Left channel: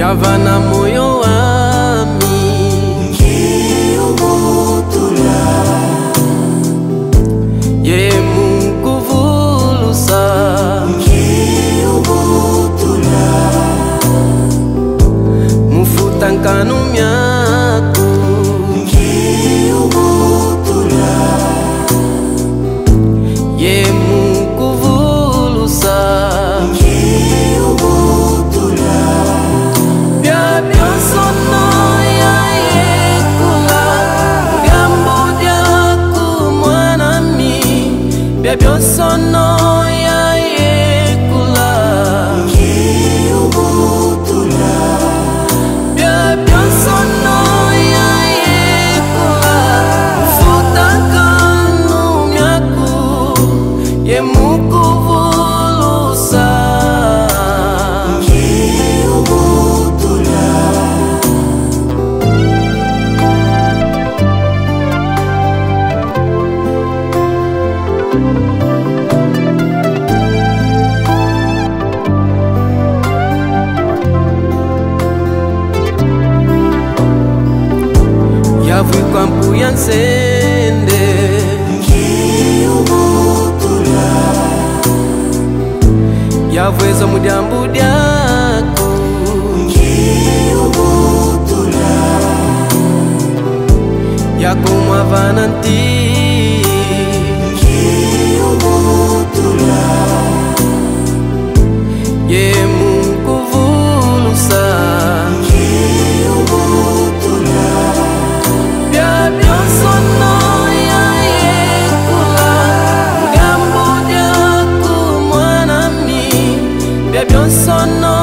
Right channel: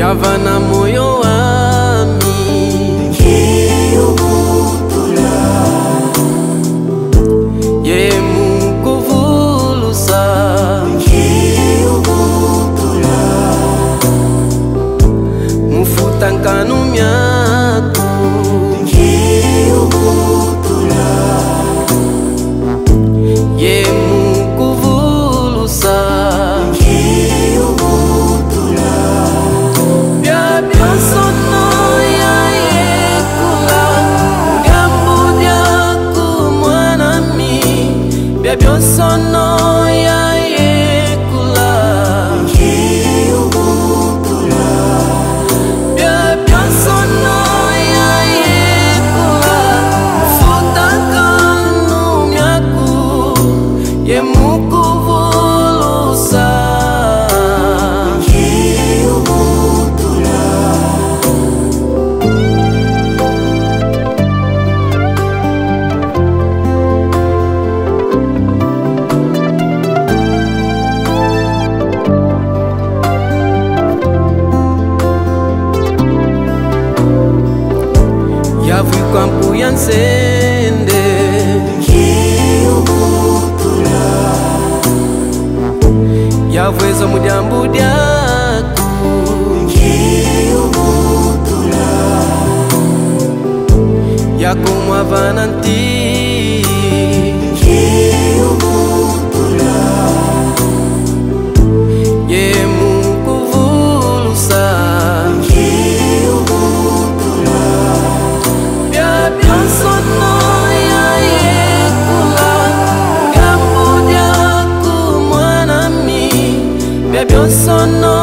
yavana moyo wami kiubutula ye mukuvulusa kiubutula mufutankanu myaku kiubutula ye mukuvulusa kiubutula bya byonsono ya yekula gambu dyaku mwanami bya byonsono ya yekula kiubutula bya byonsono ya yekula mufutankanu myaku ye mukuvulusa kiubutula yavwikwa mpu ya nsende kiubutula yavweza mudyambu dyaku kiubutula yakomwavana nti kiubutula ye mukuvulusa kiubutula bya byonsono ya yekula mudyambu dyaku mwanami bya byonsono